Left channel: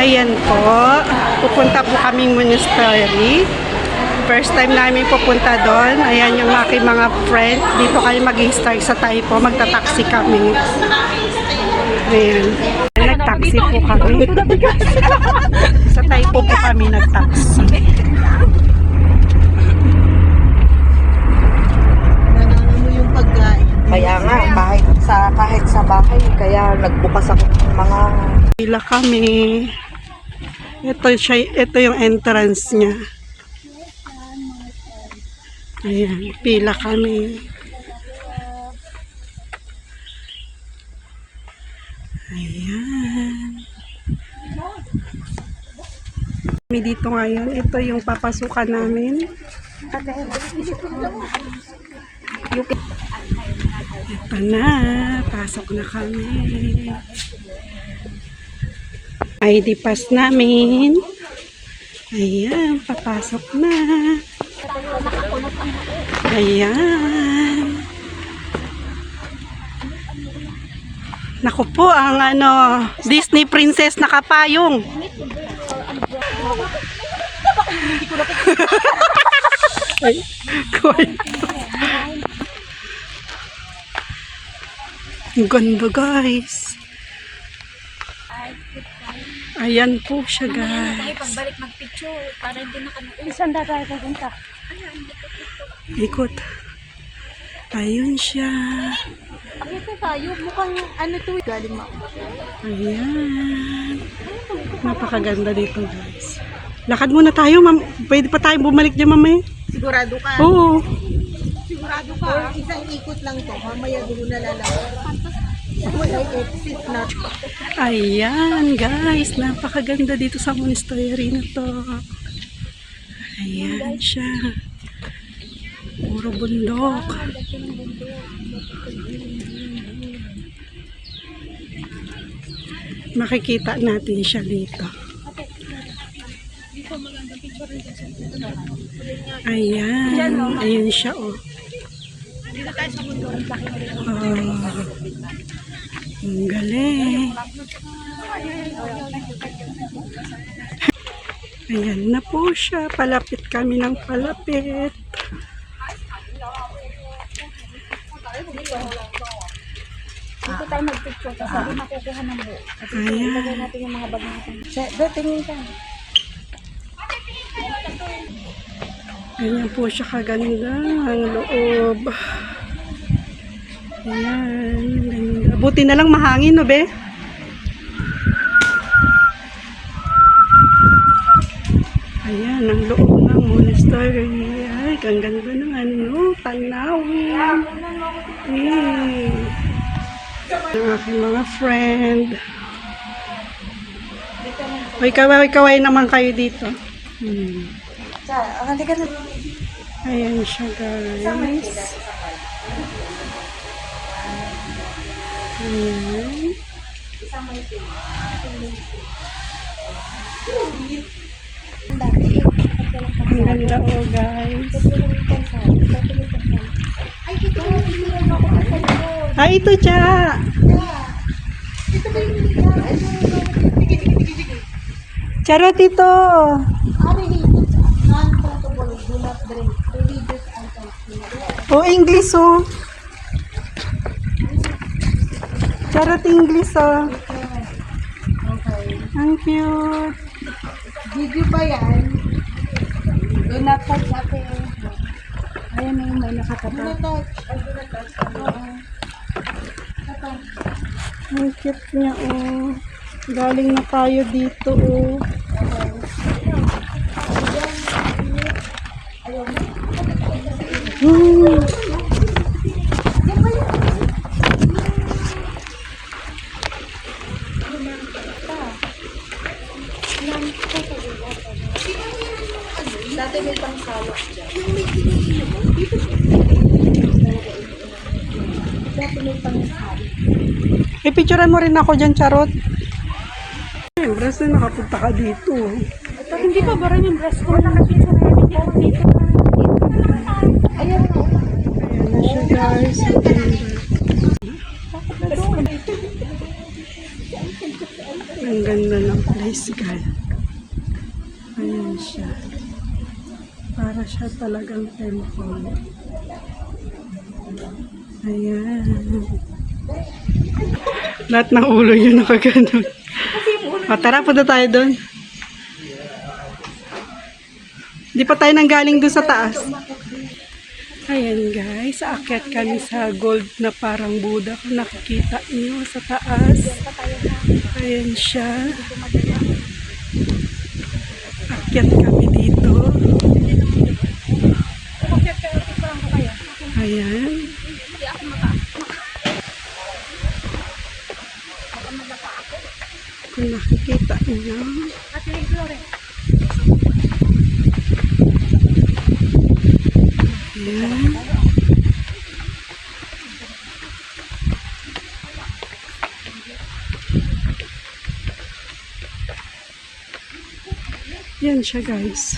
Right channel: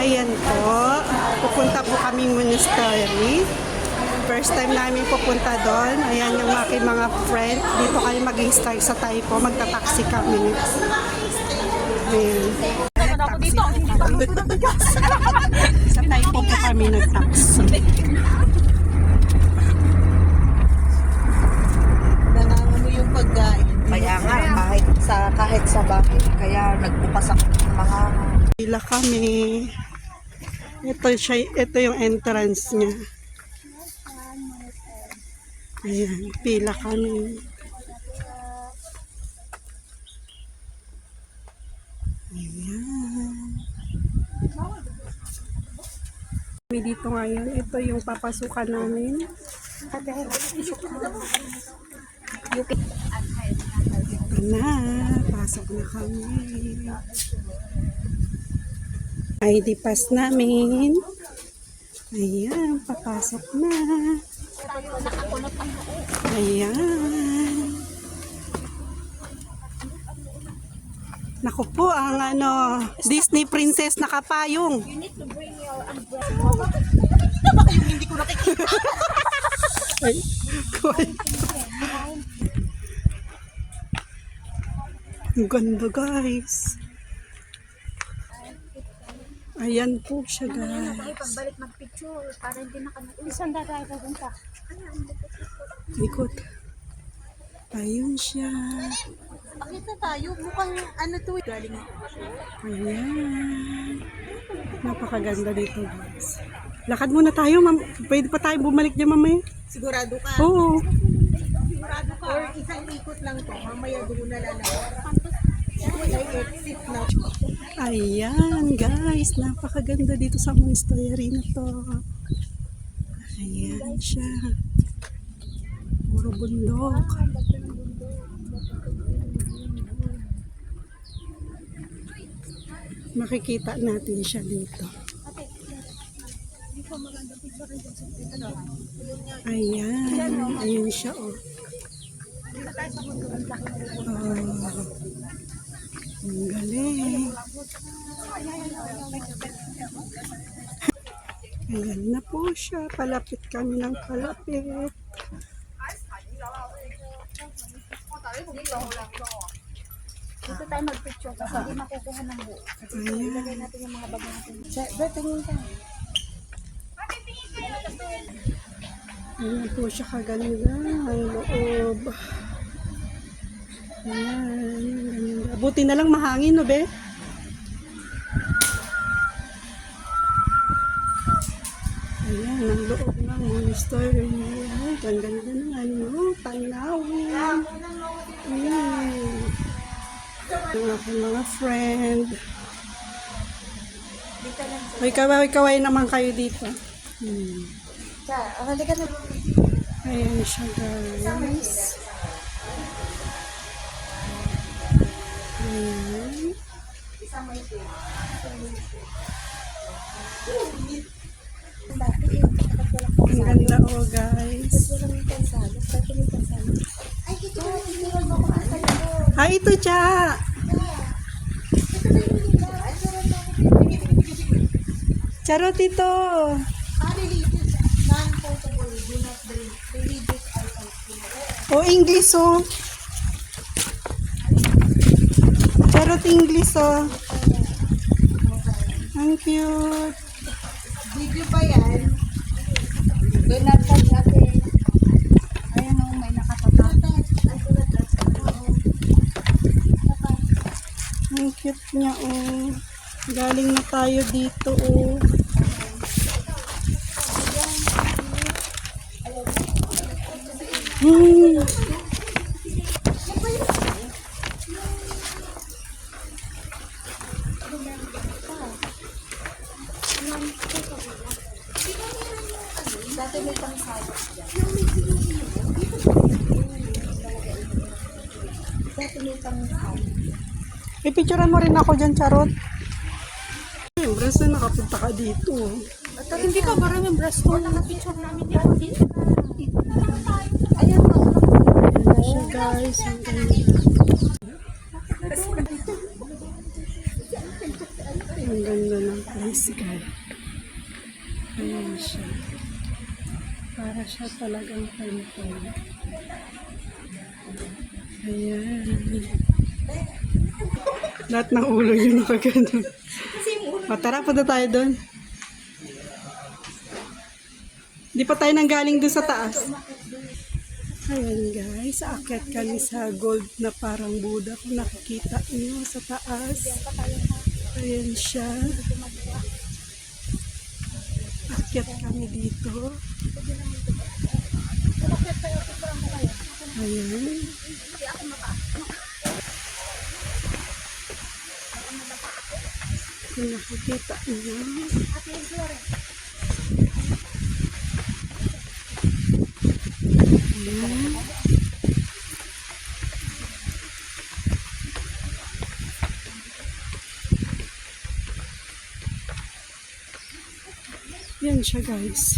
Ayan po, pupunta po kaming monastery. First time namin pupunta doon. Ayan yung aking mga friend. Dito kayo mag-i-start sa Taipo. Magta-taxi kami. Ayan. Nag-taxi po kami. Sa Taipo po kami nag-taxi. Nananamo yung pagkain. Kaya nga, kahit sa bahay, kaya nagbukas ako ng mga... Pila kami. Ito yung entrance niya. Ayan, pila kami. Ayan. Kami dito ngayon. Ito yung papasukan namin. Ito na. Pasok na kami. ID pass namin. Ayan, papasok na. Ayan. Naku po, ang Disney princess nakapayong. Ay, koy. Ang ganda, guys. Ayan po siya, guys. Pagbalik mag-picture para hindi nakapagpunta. Isang tayo pupunta. Ikot. Ayun siya. Ito tayo, mukhang ano to, galing mo. Ayan. Napakaganda dito, guys. Lakad muna tayo, ma'am. Pwede pa tayo bumalik dyan, mamaya. Sigurado ka? Oo. Sigurado ka? Isang ikot lang to, mamaya doon na lalaki. Wala exit na. Ayan, guys. Napakaganda dito sa monastery na to. Ayan siya. Puro bundok. Makikita natin siya dito. Ayan. Ayan siya, oh. Ang galing. Ayan na po siya. Palapit kami ng palapit. Dito tayo mag-picture kasi hindi makukuha ng buo. Ayan. Ilagay natin yung mga bag natin. Doon, tingin ka. Ayan po siya kaganda. Ang loob. Ayan. Ganda. Buti na lang mahangin, no, be? Ayan, ang loob ng monastery. Ay, ang ganda ng tanawin. Ang aking mga friend. Ay, kaway naman kayo dito. Halika na. Ayan siya, guys. Ayan. Ang ganda, oh, guys. Ay, ito siya. Charot ito. Oh, English, oh. Charot English, oh. Ang cute. Video ba yan? Doon na touch ako. Ayan na yung may nakatapat. Ang cute niya, oh. Galing na tayo dito, oh. Dati may pangsalok dyan. Dati may pangsalok. Ipicturean mo rin ako dyan, Charot. Siyempre, nakapunta ka dito. Hindi ka, parang yung breast ko. Nakapicture na namin dito. Ayan o. Ayan siya, guys. Ang ganda ng place. sky. Ayan siya. Para siya talagang temple. Ayan. Lahat ng ulo yun nakaganon. Tara, punta tayo doon. Hindi pa tayo nanggaling doon sa taas. Ayan guys, aakyat kami sa gold na parang Buddha. Kung nakikita niyo sa taas. Ayan siya. Aakyat kami dito. Ayan. Kung nakikita niyo. Ayan. Yan siya guys.